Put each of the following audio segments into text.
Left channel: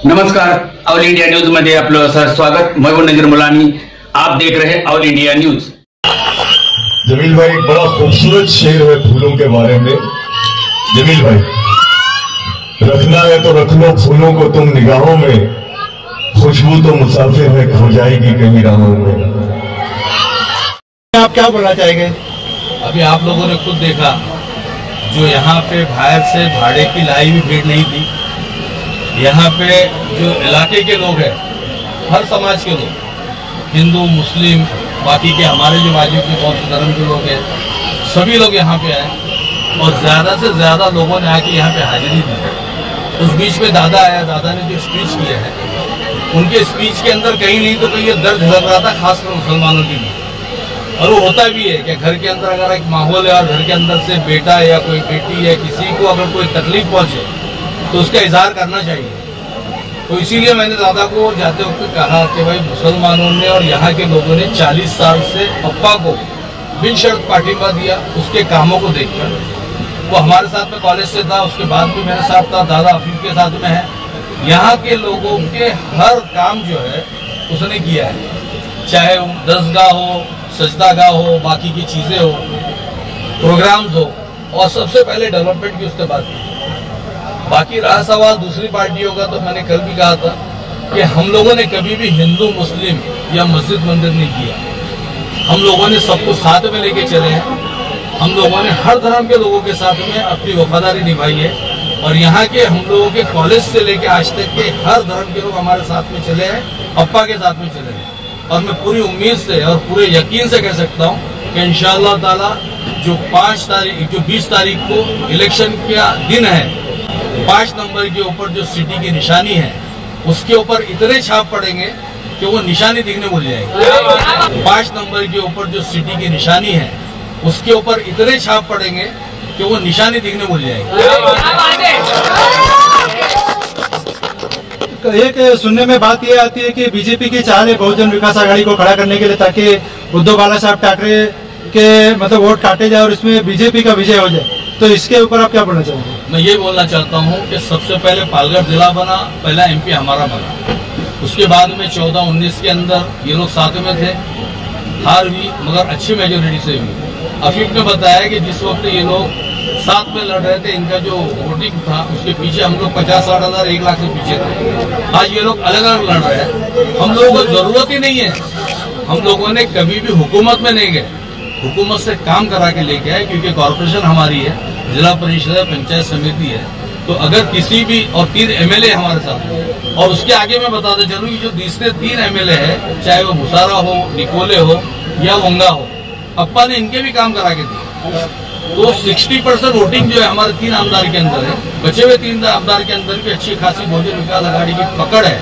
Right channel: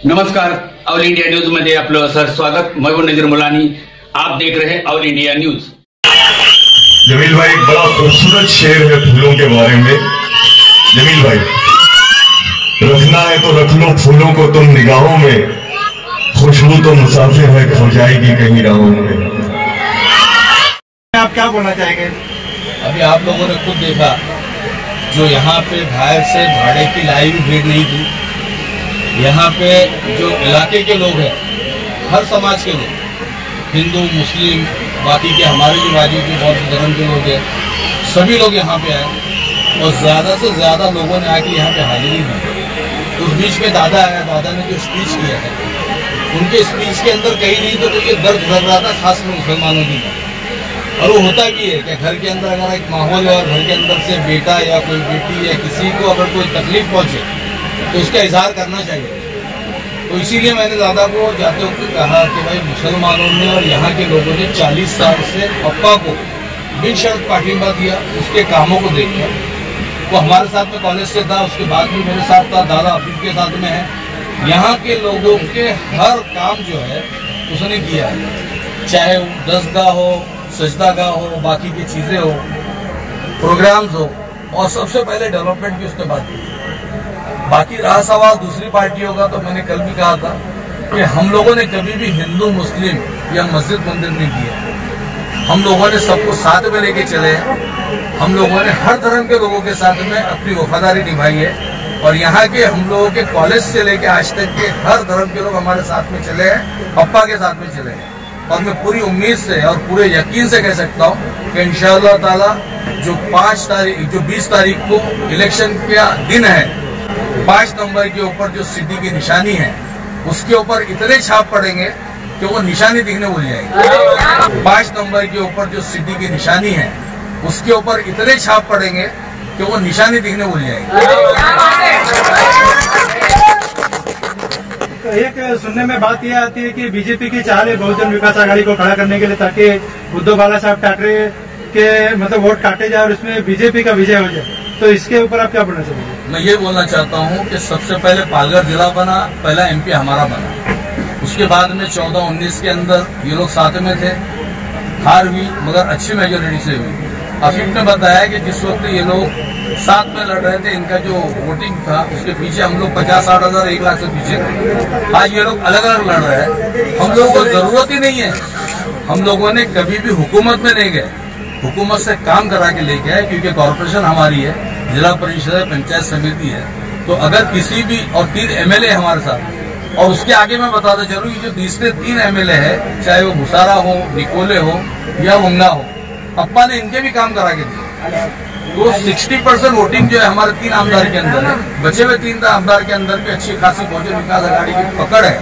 नमस्कार, all India news मध्ये आपलं सर स्वागत। मैं हूं नजीर मुलानी, आप देख रहे हैं ऑल इंडिया न्यूज। जमील भाई, एक बड़ा खूबसूरत शेर है फूलों के बारे में। जमील भाई, रखना है तो रख लो फूलों को तुम निगाहों में, खुशबू तो मुसाफिर है खो जाएगी कहीं राहों में। आप क्या बोलना चाहेंगे? अभी आप लोगों ने खुद देखा, जो यहाँ पे बाहर से भाड़े की लाई भी भीड़ नहीं थी। यहाँ पे जो इलाके के लोग हैं, हर समाज के लोग, हिंदू मुस्लिम बाकी के हमारे जो बाजू के बौद्ध धर्म के लोग हैं, सभी लोग यहाँ पे आए और ज़्यादा से ज़्यादा लोगों ने आके यहाँ पे हाजिरी दी। उस बीच में दादा आया, दादा ने जो स्पीच किया है, उनके स्पीच के अंदर कहीं नहीं तो कहीं ये दर्द झलक रहा था, खासकर मुसलमानों की। और वो होता भी है कि घर के अंदर अगर एक माहौल है और घर के अंदर से बेटा या कोई बेटी या किसी को अगर कोई तकलीफ पहुंचे तो उसका इजहार करना चाहिए। तो इसीलिए मैंने दादा को जाते वक्त कहा कि भाई, मुसलमानों ने और यहाँ के लोगों ने 40 साल से अप्पा को बिन शर्त पाठिंबा दिया, उसके कामों को देखकर। वो हमारे साथ में कॉलेज से था, उसके बाद भी मेरे साथ था, दादा हफीज के साथ में है। यहाँ के लोगों के हर काम जो है उसने किया है, चाहे दरगाह हो, सजदागाह हो, बाकी की चीज़ें हो, प्रोग्राम्स हो, और सबसे पहले डेवलपमेंट की उसने बात की। बाकी रहा सवाल दूसरी पार्टियों का, तो मैंने कल भी कहा था कि हम लोगों ने कभी भी हिंदू मुस्लिम या मस्जिद मंदिर नहीं किया। हम लोगों ने सबको साथ में लेके चले हैं। हम लोगों ने हर धर्म के लोगों के साथ में अपनी वफादारी निभाई है और यहाँ के हम लोगों के कॉलेज से लेके आज तक के हर धर्म के लोग हमारे साथ में चले हैं, अप्पा के साथ में चले हैं। और मैं पूरी उम्मीद से और पूरे यकीन से कह सकता हूँ कि इंशाअल्लाह ताला जो 20 तारीख को इलेक्शन का दिन है, 5 नंबर के ऊपर जो सिटी की निशानी है, उसके ऊपर इतने छाप पड़ेंगे कि वो निशानी दिखने भूल जाएंगे। 5 नंबर के ऊपर जो सिटी की निशानी है, उसके ऊपर इतने छाप पड़ेंगे कि वो निशानी दिखने भूल जाएंगे। एक सुनने में बात यह आती है कि बीजेपी की चाल है बहुजन विकास आघाड़ी को खड़ा करने के लिए, ताकि उद्धव बाला साहब ठाकरे के मतलब वोट काटे जाए और उसमें बीजेपी का विजय हो जाए। तो इसके ऊपर आप क्या बोलना चाहेंगे? मैं ये बोलना चाहता हूँ कि सबसे पहले पालघर जिला बना, पहला एमपी हमारा बना। उसके बाद में 14-19 के अंदर ये लोग साथ में थे, हार हुई मगर अच्छी मेजोरिटी से हुई। अफीफ ने बताया कि जिस वक्त ये लोग साथ में लड़ रहे थे, इनका जो वोटिंग था उसके पीछे हम लोग 50-60 हजार 1 लाख से पीछे थे। आज ये लोग अलग अलग लड़ रहे हैं। हम लोगों को जरूरत ही नहीं है, हम लोगों ने कभी भी हुकूमत में नहीं गए, हुकूमत से काम करा के लेके आए, क्योंकि कॉरपोरेशन हमारी है, जिला परिषद है, पंचायत समिति है। तो अगर किसी भी, और 3 एमएलए हमारे साथ, और उसके आगे मैं बताते चलूँ कि जो तीसरे 3 एमएलए है, चाहे वो भुसारा हो, निकोले हो या वंगा हो, अप्पा ने इनके भी काम करा के दिए। तो 60% वोटिंग जो है हमारे 3 आमदार के अंदर है। बचे हुए 3 आमदार के अंदर भी अच्छी खासी बहुजन विकास आघाड़ी की पकड़ है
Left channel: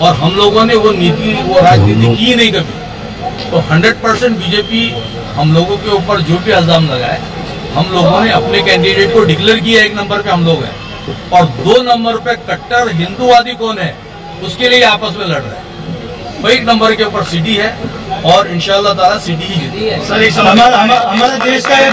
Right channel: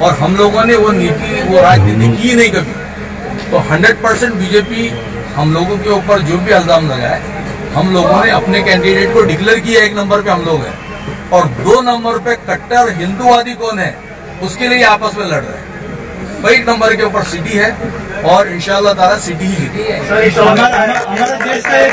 और हम लोगों ने वो नीति, वो राजनीति की नहीं कभी। तो 100% बीजेपी हम लोगों के ऊपर जो भी इल्जाम लगाए, हम लोगों ने अपने कैंडिडेट को डिक्लेयर किया। 1 नंबर पे हम लोग हैं और 2 नंबर पे कट्टर हिंदूवादी कौन है उसके लिए आपस में लड़ रहे हैं। 1 नंबर के ऊपर सिटी है और इंशाअल्लाह ताला सिटी ही जीती। हमारे देश का ये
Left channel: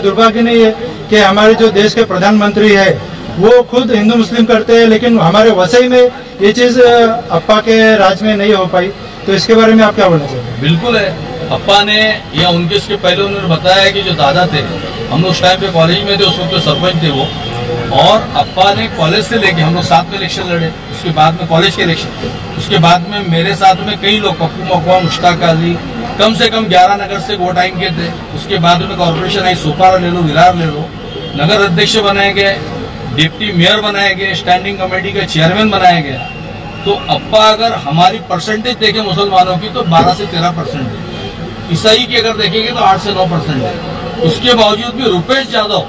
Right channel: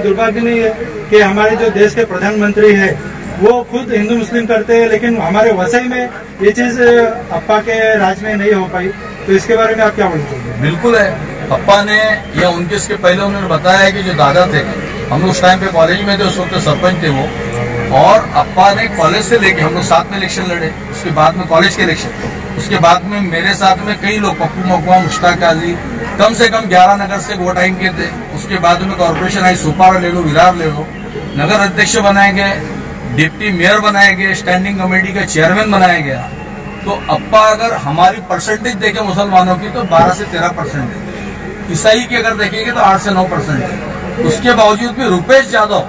दुर्भाग्य नहीं है कि हमारे जो देश के प्रधानमंत्री है वो खुद हिंदू मुस्लिम करते हैं, लेकिन हमारे वसई में ये चीज अप्पा के राज में नहीं हो पाई। तो इसके बारे में आप क्या बोलना चाहेंगे? बिल्कुल है, अप्पा ने या उनके इसके पहले उन्होंने बताया कि जो दादा थे, हम लोग उस टाइम पे कॉलेज में थे, उस वक्त सरपंच थे वो, और अप्पा ने कॉलेज से लेके हम लोग साथ में इलेक्शन लड़े, उसके बाद में कॉलेज के इलेक्शन, उसके बाद में मेरे साथ में कई लोग, पप्पू मकवा, मुश्ताक काजी, कम से कम 11 नगर से वो टाइम के थे। उसके बाद में कॉर्पोरेशन आई, सोपारा ले लो, विरार ले लो, नगर अध्यक्ष बनाए गए, डिप्टी मेयर बनाए गए, स्टैंडिंग कमेटी का चेयरमैन बनाया गया। तो अप्पा अगर हमारी परसेंटेज देखें मुसलमानों की तो 12 से 13% है, ईसाई की अगर देखेंगे तो 8 से 9% है। उसके बावजूद भी रुपेश यादव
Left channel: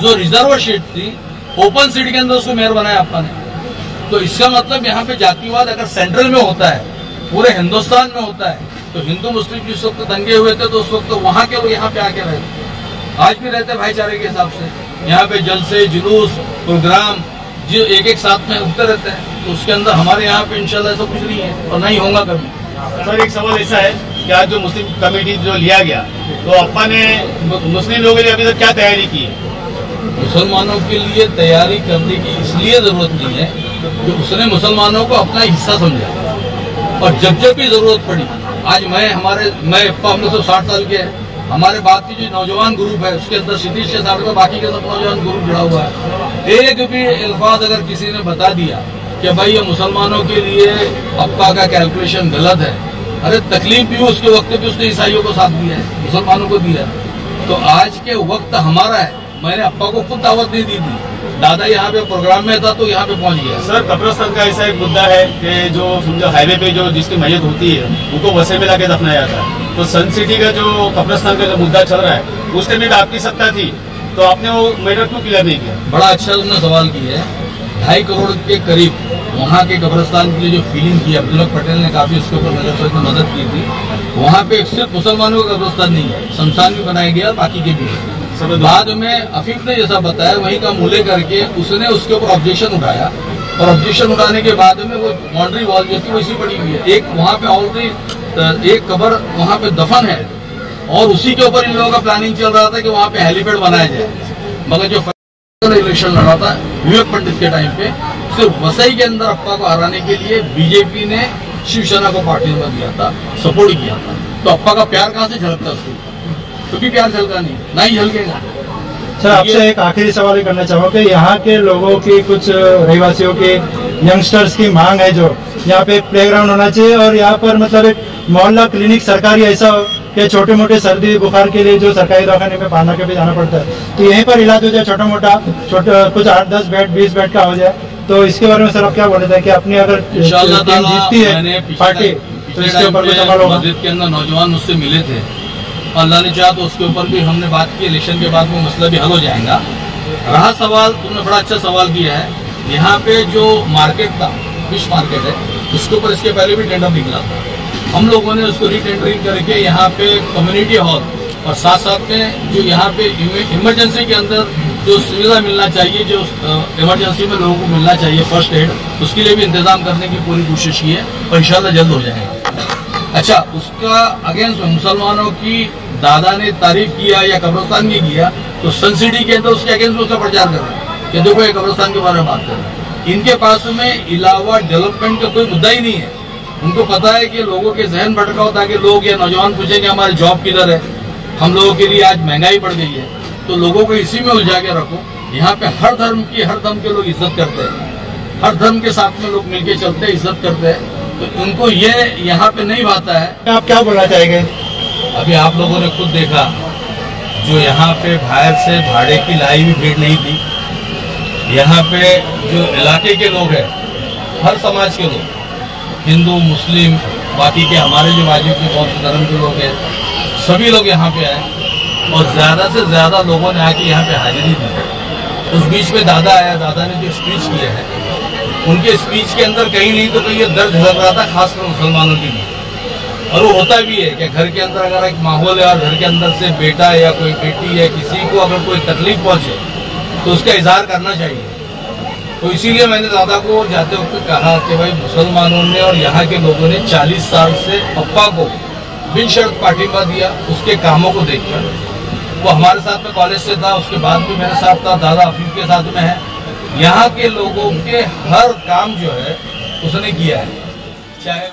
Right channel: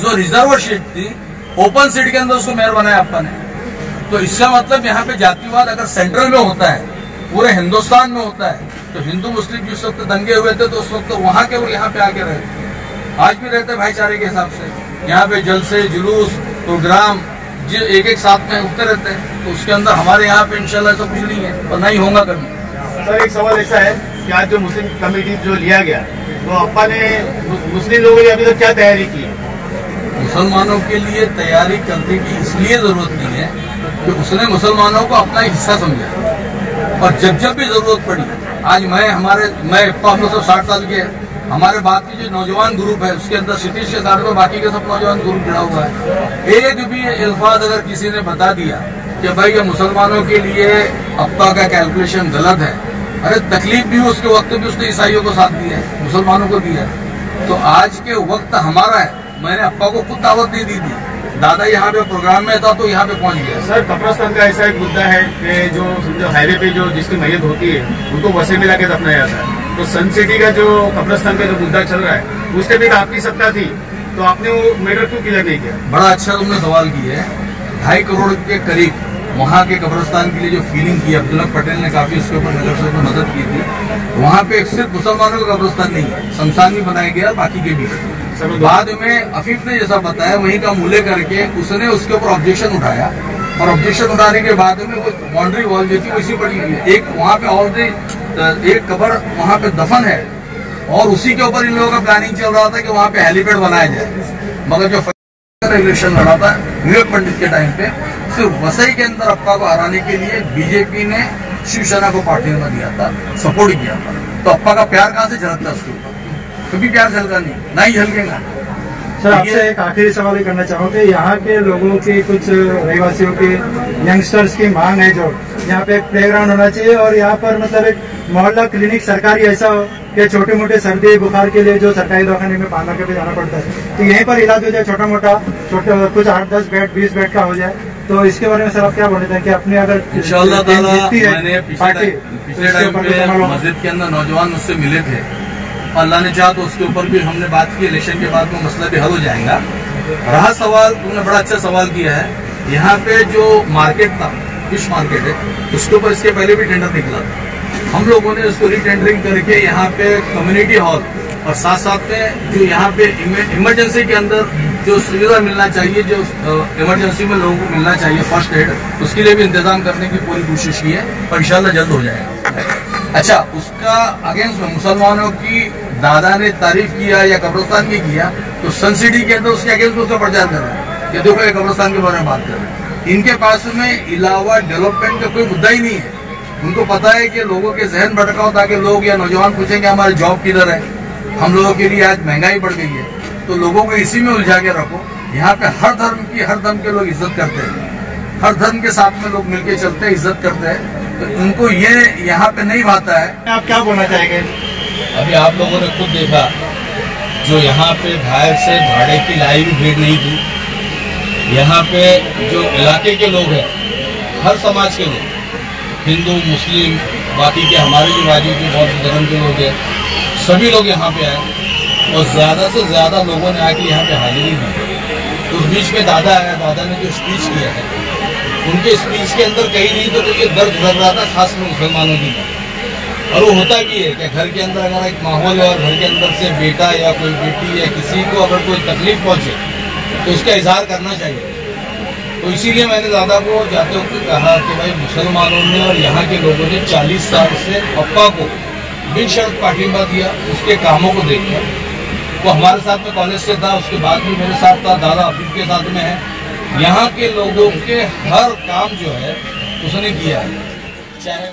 जो रिजर्व सीट थी, ओपन सीट के अंदर उसको मेयर बनाया अप्पा ने। तो इसका मतलब यहाँ पे जातिवाद अगर सेंट्रल में होता है, पूरे हिंदुस्तान में होता है, तो हिंदू मुस्लिम जिस वक्त दंगे हुए थे तो उस वक्त वहाँ के लोग यहाँ पे आके रहते, आज भी रहते भाईचारे के हिसाब से। यहाँ पे जलसे, जुलूस, प्रोग्राम जो एक साथ में उठते रहते हैं। तो उसके अंदर हमारे यहाँ पे इंशाल्लाह ऐसा कुछ नहीं है और नहीं होगा कभी। सर, एक सवाल ऐसा है कि आज जो मुस्लिम कमेटी जो लिया गया, तो अप्पा ने मुस्लिम लोगों के लिए अभी तक क्या तैयारी की है? मुसलमानों के लिए तैयारी करने की इसलिए जरूरत नहीं है कि उसने मुसलमानों को अपना हिस्सा समझा और जब जब भी जरूरत पड़ी, आज मैं अप्पा हम लोग सब 60 साल के हैं, हमारे बाद की जो नौजवान ग्रुप है उसके अंदर 37 से 60 में बाकी के सब नौजवान ग्रुप जुड़ा हुआ है। एक भी अल्फाज अगर किसी ने बता दिया कि भाई ये मुसलमानों के लिए अप्पा का कैलकुलेशन गलत है, अरे तकलीफ भी उसके वक्त भी उसने ईसाइयों को साथ दिया है, मुसलमानों को दिया है। तो आज के वक्त हमारा है। मैंने अप्पा को खुद दावत नहीं दी थी, दादा यहाँ पे प्रोग्राम में था तो यहाँ पे पहुँच गया। सर, कब्रिस्तान का ऐसा एक मुद्दा है कि जो समझो हाईवे पे जो जिसकी मैयत होती है उनको वसे में लाके दफनाया जाता है। तो सन सिटी का जो कब्रिस्तान का जो मुद्दा चल रहा है उस टाइम भी आपकी सत्ता थी, तो आपने वो मैटर क्यों क्लियर नहीं किया? बड़ा अच्छा तुमने सवाल किया है। 2.5 करोड़ के करीब वहाँ के कब्रिस्तान के लिए जो फीलिंग की, अब्दुल्ला पटेल ने काफी उसके ऊपर नजर में मदद की थी। वहाँ पे सिर्फ मुसलमानों का कब्रिस्तान नहीं है, शमशान भी बनाया गया, बाकी के भी है। बाद में अफीफ ने जैसा बताया वहीं का मूल्य करके उसने उसके ऊपर ऑब्जेक्शन उठाया और ऑब्जेक्शन उठाने के बाद में वो बाउंड्री वॉल जो थी वैसी पड़ी हुई है। एक वहाँ पे ऑलरेडी एक कब्र वहाँ पे दफन है और उसी के ऊपर इन लोगों का प्लानिंग चल रहा था कि वहाँ पे हेलीपैड बनाया जाए। मगर जो इलेक्शन लड़ा था विवेक पंडित के टाइम पे, सिर्फ वसई के अंदर अप्पा को हराने के लिए बीजेपी ने शिवसेना को पार्टी में दिया था, सपोर्ट किया था। तो अप्पा का प्यार कहाँ से झलकता उसके ऊपर? कभी प्यार झलका नहीं, ना ही झलकेगा। सर, आपसे एक आखिरी सवाल करना चाहूँगा, यहाँ के लोगों की, कुछ रहवासियों के, यंगस्टर्स की मांग है जो यहाँ पे प्लेग्राउंड होना चाहिए और यहाँ पर मतलब एक मोहल्ला क्लिनिक सरकारी ऐसा हो कि छोटे मोटे सर्दी बुखार के लिए जो सरकारी दवाखाने में पाना के भी जाना पड़ता है, तो यहीं पर इलाज हो जाए, छोटा मोटा कुछ 8-10 बेड 20 बेड का हो जाए। तो इसके बारे में सर आप क्या बोले थे कि अपनी अगर इंशाअल्लाह ताला जीतती है मैंने पार्टी मस्जिद के अंदर नौजवान मुझसे मिले थे, अल्लाह ने चाहा तो उसके ऊपर भी हमने बात की। इलेक्शन के बाद वो मसला भी हल हो जाएगा। रहा सवाल, तुमने बड़ा अच्छा सवाल किया है। यहाँ पे जो मार्केट था, फिश मार्केट है, उसके ऊपर इसके पहले भी टेंडर निकला था। हम लोगों ने उसको रीटेंडरिंग करके यहाँ पे कम्युनिटी हॉल और साथ साथ में जो यहाँ पे इमरजेंसी के अंदर जो सुविधा मिलना चाहिए, जो इमरजेंसी में लोगों को मिलना चाहिए फर्स्ट एड, उसके लिए भी इंतजाम करने की पूरी कोशिश की है और इंशाल्लाह जल्द हो जाएगा। अच्छा, उसका अगेंस्ट में मुसलमानों की दादा ने तारीफ किया या कब्रिस्तान की किया, तो सन सिटी के अंदर उसके अगेंस्ट में उसका प्रचार कर रहे हैं कि देखो ये कब्रिस्तान के बारे में बात कर रहे हैं। इनके पास में इलावा डेवलपमेंट का कोई मुद्दा ही नहीं है। उनको पता है कि लोगों के जहन भटकाओ ताकि लोग या नौजवान पूछेंगे हमारे जॉब किधर है, हम लोगों के लिए आज महंगाई बढ़ गई है, तो लोगों को इसी में उलझा के रखो। यहाँ पे हर धर्म के लोग इज्जत करते हैं, हर धर्म के साथ में लोग मिलके चलते हैं, इज्जत करते हैं, तो उनको ये यहाँ पे नहीं भाता है। आप क्या बोलना चाहेंगे? अभी आप लोगों ने खुद देखा, जो यहाँ पे बाहर से भाड़े की लाई भी भीड़ नहीं थी। यहाँ पे जो इलाके के लोग हैं, हर समाज के लोग, हिंदू मुस्लिम बाकी के हमारे जो वाजिब के बहुत से धर्म के लोग हैं, सभी लोग यहाँ पे आए और ज़्यादा से ज़्यादा लोगों ने आके यहाँ पे हाजिरी दी। उस बीच में दादा आया, दादा ने जो स्पीच किया है, उनके स्पीच के अंदर कहीं नहीं तो कहीं ये दर्द झलक रहा था, खासकर मुसलमानों की। और वो होता भी है कि घर के अंदर अगर एक माहौल है और घर के अंदर से बेटा या कोई बेटी या किसी को अगर कोई तकलीफ पहुंचे तो उसका इजहार करना चाहिए। तो इसीलिए मैंने दादा को जाते वक्त कहा कि भाई मुसलमानों ने और यहाँ के लोगों ने 40 साल से अप्पा को बिन शर्त पाठिंबा दिया, उसके कामों को देखकर। वो हमारे साथ में कॉलेज से था, उसके बाद भी मेरे साथ था, दादा अफीफ के साथ में है। यहाँ के लोगों के हर काम जो है उसने किया है, चाहे